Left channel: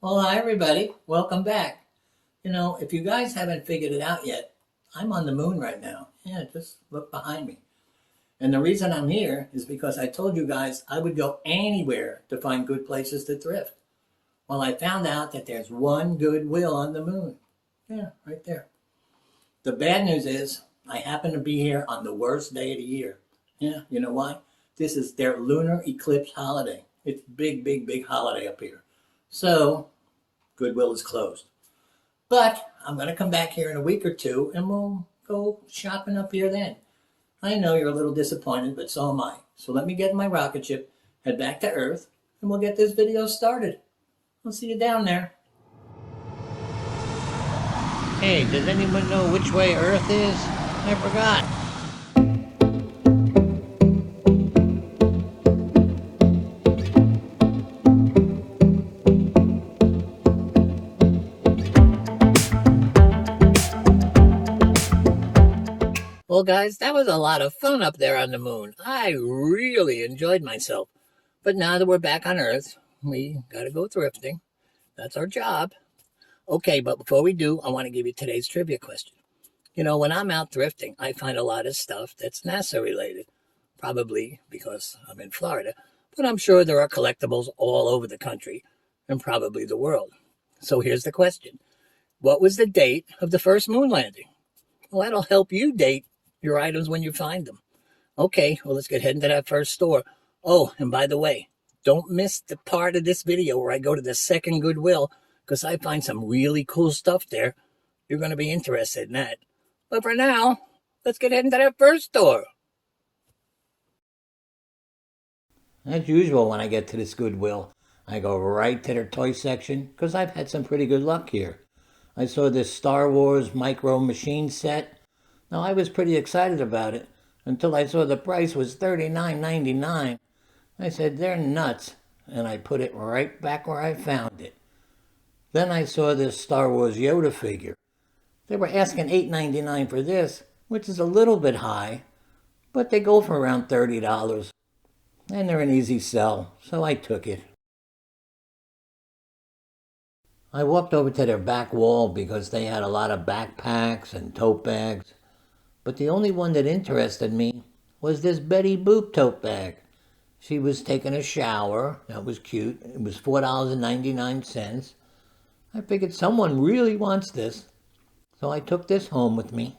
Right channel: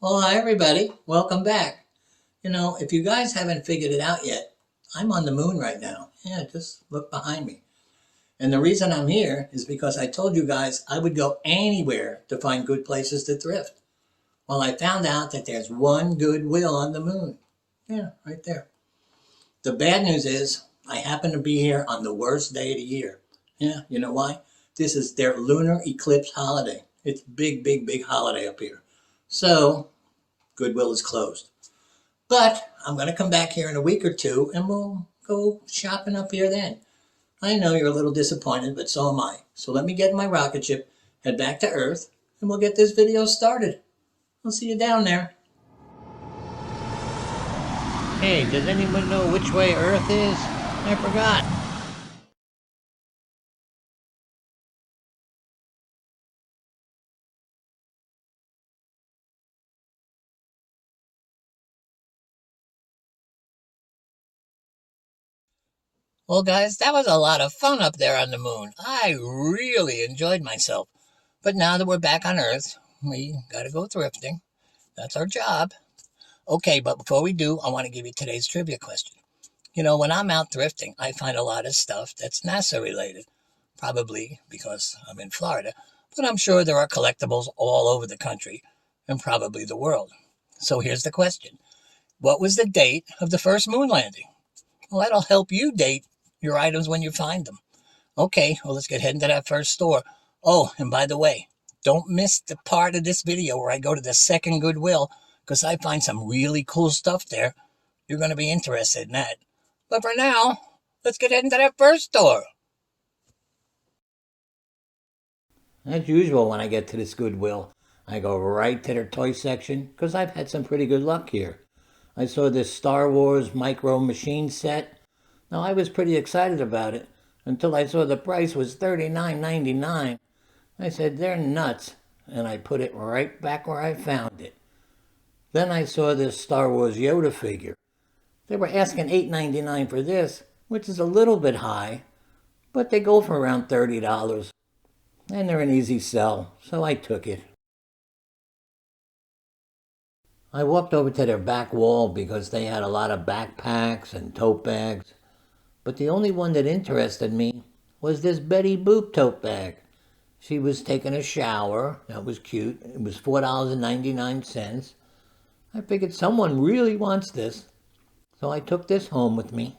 Well, hi everybody. Welcome back. If you guys haven't figured it out yet, I'm on the moon right now. Yeah, just look behind me. And the reason I'm here is because I told you guys I would go anywhere to find good places to thrift. Well, I found out that there's one Goodwill on the moon. Yeah, right there. The bad news is I happen to be here on the worst day of the year. Yeah, you know why? This is their lunar eclipse holiday. It's big, big, big holiday up here. So Goodwill is closed. But I'm going to come back here in a week or two and we'll go shopping up here then. I know you're a little disappointed, but so am I. So let me get in my rocket ship, head back to Earth, and we'll get this video started. I'll see you down there. Hey, does anyone know which way Earth is? I forgot. Well, guys, that was a lot of fun up there on the moon. I really enjoyed myself. But now that we're back on Earth, we gotta go thrifting. That's our job. Okay, but before we do, I want to give you today's trivia question. When I'm out thrifting, I find a lot of stuff that's NASA related, probably because I'm in Florida, but I'm sure there are collectibles all over the country and probably the world. So here's the question. What was the date of the first moon landing? Well, that'll help you date your items when you find them. Okay, well, let's get heading to that first store. Oh, and by the way, don't miss the part of this video where I go to the second Goodwill because I find some really cool stuff there. You're going to be interested in that. But for now, let's get into that first store. As usual, when I get to this Goodwill, I go right to their toy section because I've had some pretty good luck here. I saw this Star Wars micro machine set. Now, I was pretty excited about it until I saw the price was $39.99. I said, they're nuts, and I put it right back where I found it. Then I saw this Star Wars Yoda figure. They were asking $8.99 for this, which is a little bit high, but they go for around $30. And they're an easy sell, so I took it. I walked over to their back wall because they had a lot of backpacks and tote bags, but the only one that interested me was this Betty Boop tote bag. She was taking a shower. That was cute. It was $4.99. I figured someone really wants this, so I took this home with me.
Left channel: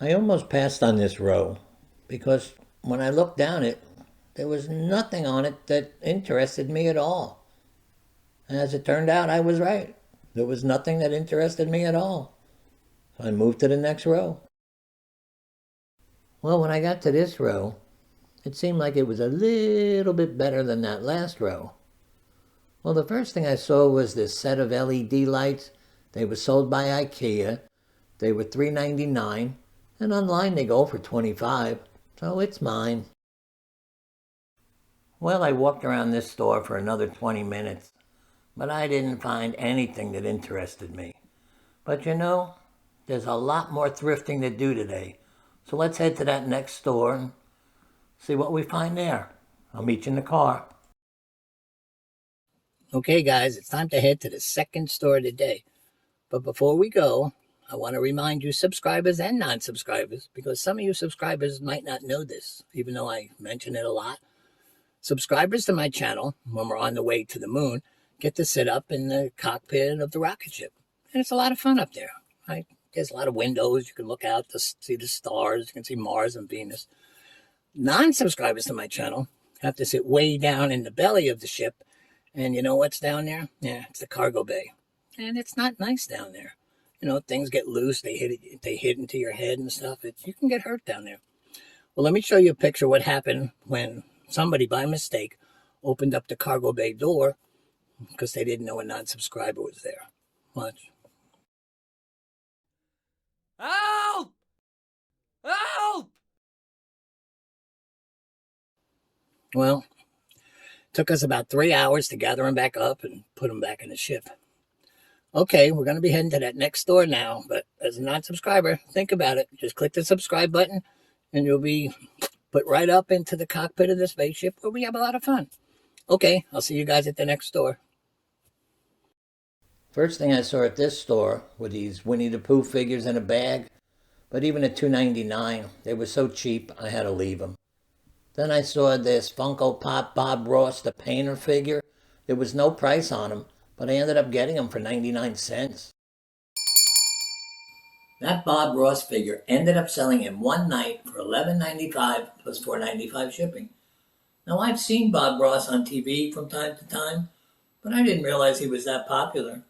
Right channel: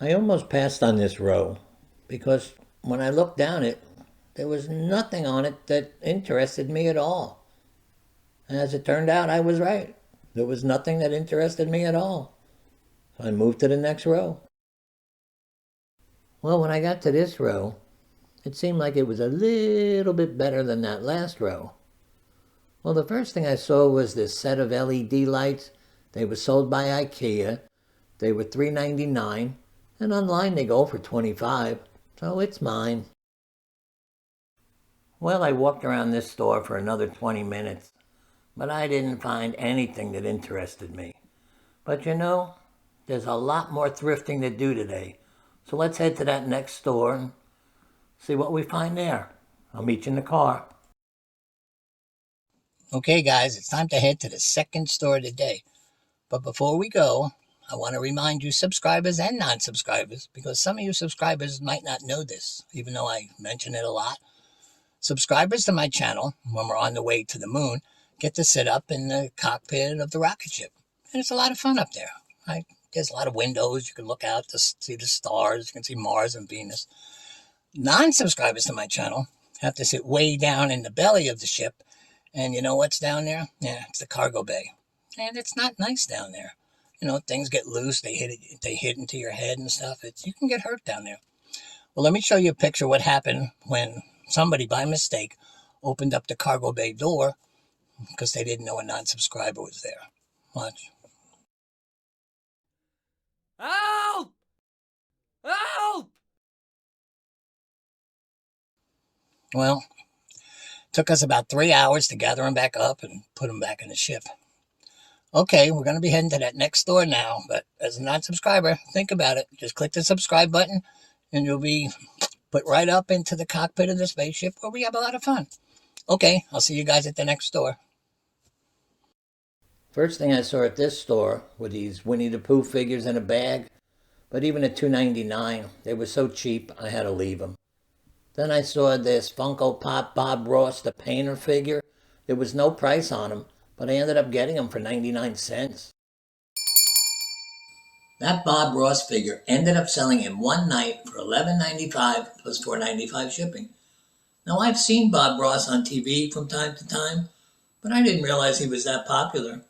I almost passed on this row because when I looked down it, there was nothing on it that interested me at all. And as it turned out, I was right. There was nothing that interested me at all. So I moved to the next row. Well, when I got to this row, it seemed like it was a little bit better than that last row. Well, the first thing I saw was this set of LED lights. They were sold by IKEA. They were $3.99, and online they go for $25, so it's mine. Well, I walked around this store for another 20 minutes, but I didn't find anything that interested me. But there's a lot more thrifting to do today, so let's head to that next store and see what we find there. I'll meet you in the car. Okay, guys, it's time to head to the second store today. But before we go, I want to remind you subscribers and non-subscribers, because some of you subscribers might not know this, even though I mention it a lot. Subscribers to my channel, when we're on the way to the moon, get to sit up in the cockpit of the rocket ship. And it's a lot of fun up there. There's a lot of windows. You can look out to see the stars. You can see Mars and Venus. Non-subscribers to my channel have to sit way down in the belly of the ship. And you know what's down there? Yeah, it's the cargo bay. And it's not nice down there. Things get loose. They hit into your head and stuff. You can get hurt down there. Well, let me show you a picture of what happened when somebody, by mistake, opened up the cargo bay door because they didn't know a non-subscriber was there. Watch. Help! Help! Well, took us about 3 hours to gather them back up and put them back in the ship. Okay, we're going to be heading to that next store now, but as a non-subscriber, think about it. Just click the subscribe button and you'll be put right up into the cockpit of the spaceship where we have a lot of fun. Okay, I'll see you guys at the next store. First thing I saw at this store were these Winnie the Pooh figures in a bag, but even at $2.99, they were so cheap I had to leave them. Then I saw this Funko Pop Bob Ross the Painter figure. There was no price on them, but I ended up getting them for 99 cents. That Bob Ross figure ended up selling in one night for $11.95 plus $4.95 shipping. Now, I've seen Bob Ross on TV from time to time, but I didn't realize he was that popular.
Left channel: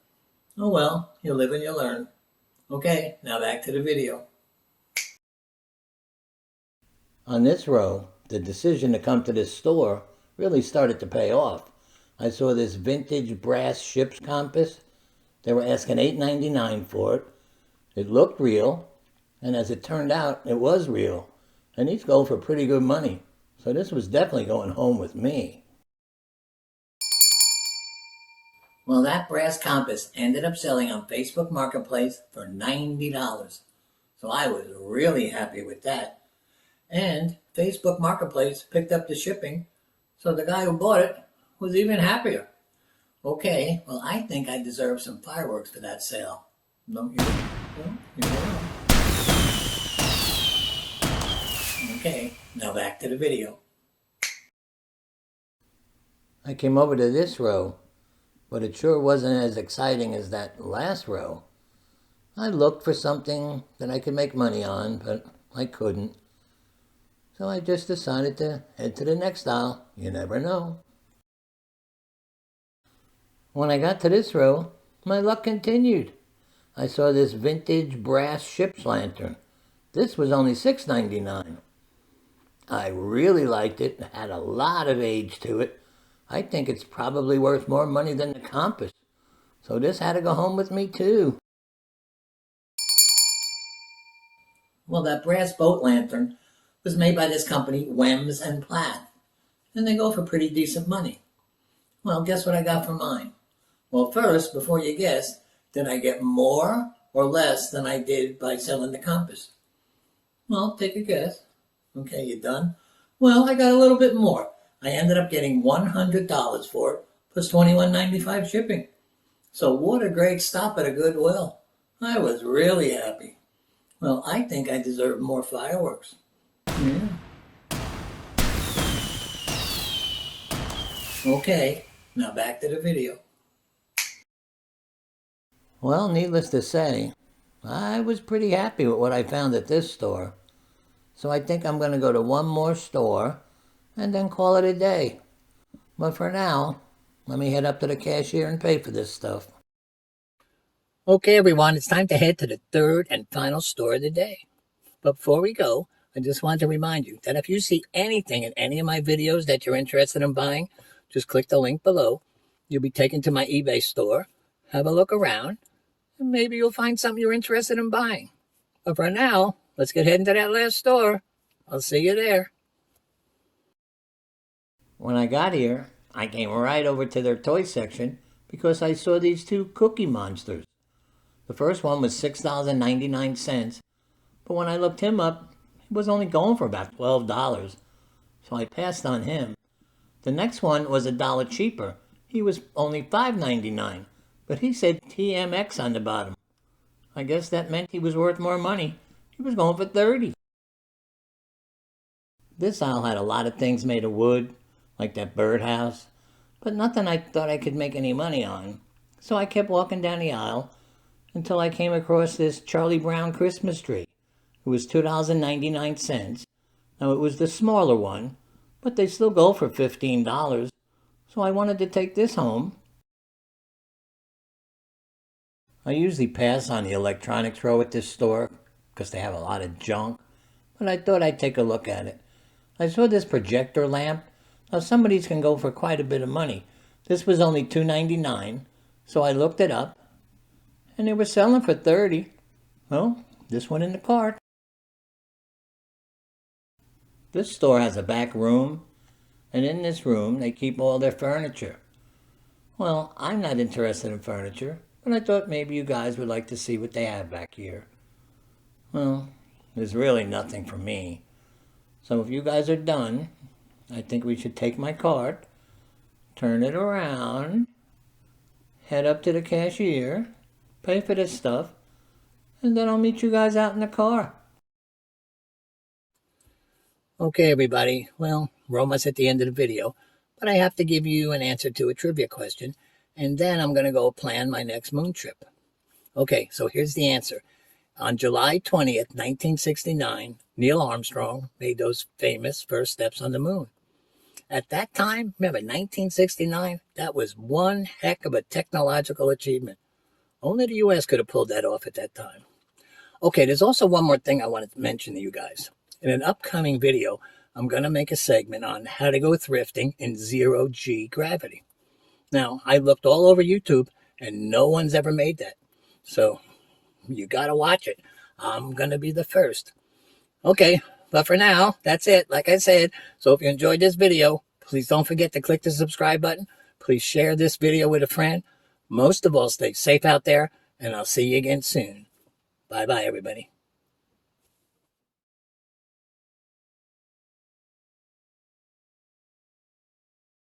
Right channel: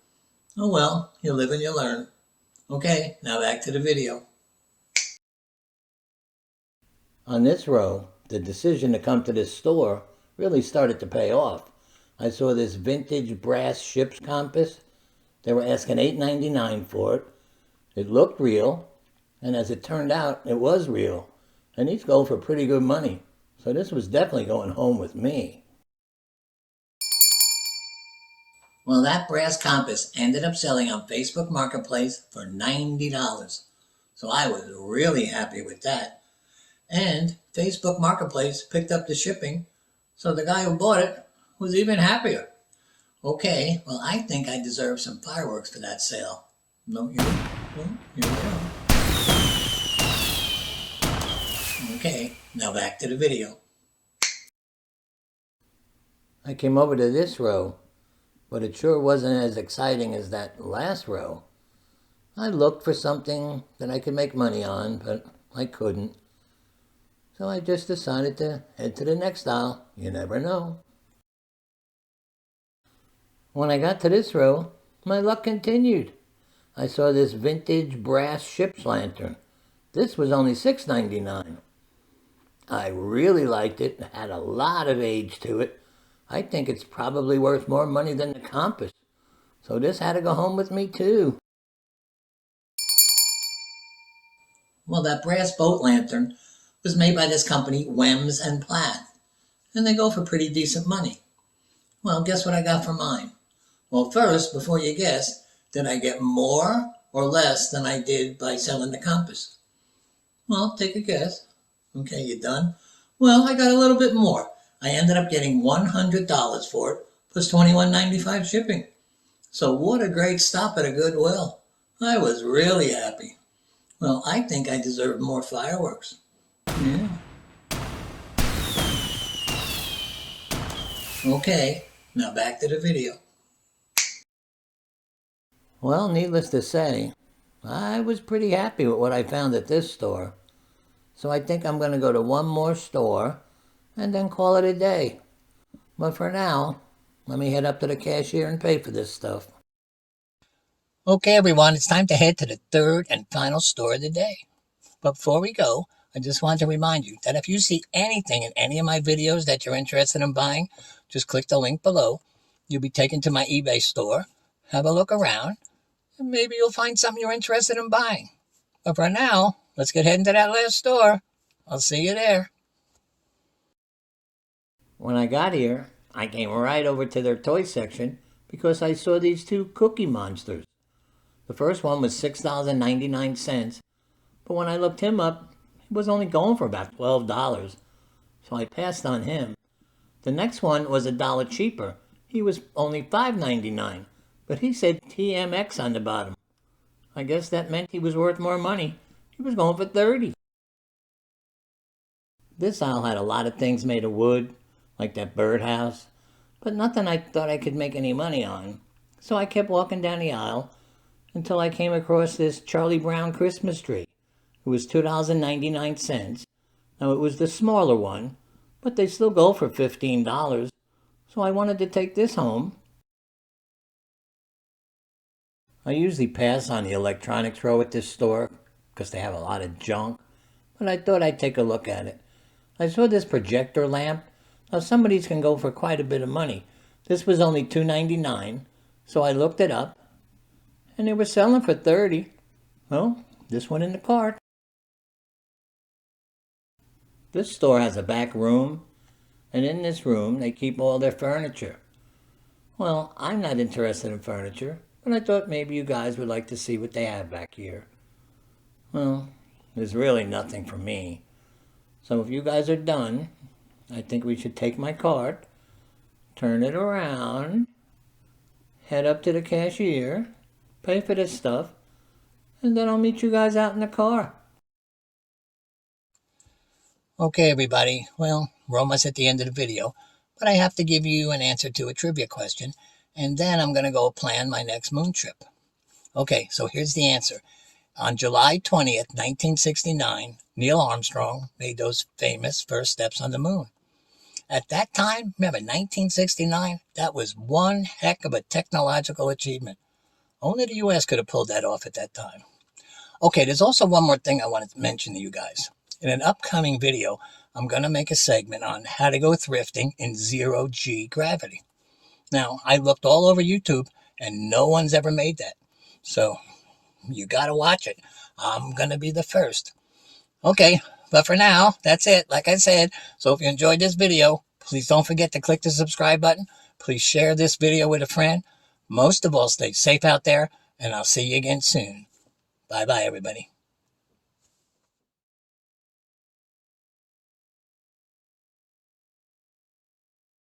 Oh well, you live and you learn. Okay, now back to the video. On this row, the decision to come to this store really started to pay off. I saw this vintage brass ship's compass. They were asking $8.99 for it. It looked real, and as it turned out, it was real. And these go for pretty good money. So this was definitely going home with me. Well, that brass compass ended up selling on Facebook Marketplace for $90. So I was really happy with that. And Facebook Marketplace picked up the shipping, so the guy who bought it was even happier. Okay, well, I think I deserve some fireworks for that sale. Don't you? Okay, now back to the video. I came over to this row, but it sure wasn't as exciting as that last row. I looked for something that I could make money on, but I couldn't. So I just decided to head to the next aisle. You never know. When I got to this row, my luck continued. I saw this vintage brass ship's lantern. This was only $6.99. I really liked it. It had a lot of age to it. I think it's probably worth more money than the compass. So this had to go home with me too. Well, that brass boat lantern was made by this company, Wems and Platt. And they go for pretty decent money. Well, guess what I got for mine? Well, first, before you guess, did I get more or less than I did by selling the compass? Well, take a guess. Okay, you done? Well, I got a little bit more. I ended up getting $100 for it, plus $21.95 shipping. So what a great stop at a Goodwill. I was really happy. Well, I think I deserve more fireworks. Yeah. Okay, now back to the video. Well, needless to say, I was pretty happy with what I found at this store. So I think I'm going to go to one more store and then call it a day. But for now, let me head up to the cashier and pay for this stuff. Okay, everyone, it's time to head to the third and final store of the day. But before we go, I just want to remind you that if you see anything in any of my videos that you're interested in buying, just click the link below. You'll be taken to my eBay store. Have a look around, and maybe you'll find something you're interested in buying. But for now, let's get heading to that last store. I'll see you there. When I got here, I came right over to their toy section because I saw these two Cookie Monsters. The first one was $6.99, but when I looked him up, he was only going for about $12, so I passed on him. The next one was $1 cheaper. He was only $5.99, but he said TMX on the bottom. I guess that meant he was worth more money. He was going for $30. This aisle had a lot of things made of wood, like that birdhouse, but nothing I thought I could make any money on. So I kept walking down the aisle until I came across this Charlie Brown Christmas tree. It was $2.99. Now it was the smaller one, but they still go for $15. So I wanted to take this home. I usually pass on the electronics row at this store because they have a lot of junk, but I thought I'd take a look at it. I saw this projector lamp. Now some of these can go for quite a bit of money. This was only $2.99, so I looked it up, and they were selling for $30. Well, this went in the cart. This store has a back room, and in this room they keep all their furniture. Well, I'm not interested in furniture, but I thought maybe you guys would like to see what they have back here. Well, there's really nothing for me. So if you guys are done, I think we should take my card, turn it around, head up to the cashier, pay for this stuff, and then I'll meet you guys out in the car. Okay, everybody. Well, we're almost at the end of the video, but I have to give you an answer to a trivia question, and then I'm going to go plan my next moon trip. Okay, so here's the answer. On July 20th, 1969, Neil Armstrong made those famous first steps on the moon. At that time, remember 1969, that was one heck of a technological achievement. Only the US could have pulled that off at that time. Okay, there's also one more thing I wanted to mention to you guys. In an upcoming video, I'm going to make a segment on how to go thrifting in zero-G gravity. Now, I looked all over YouTube and no one's ever made that. So you got to watch it. I'm going to be the first. Okay, but for now, that's it. Like I said, so if you enjoyed this video, please don't forget to click the subscribe button. Please share this video with a friend. Most of all, stay safe out there, and I'll see you again soon. Bye-bye, everybody.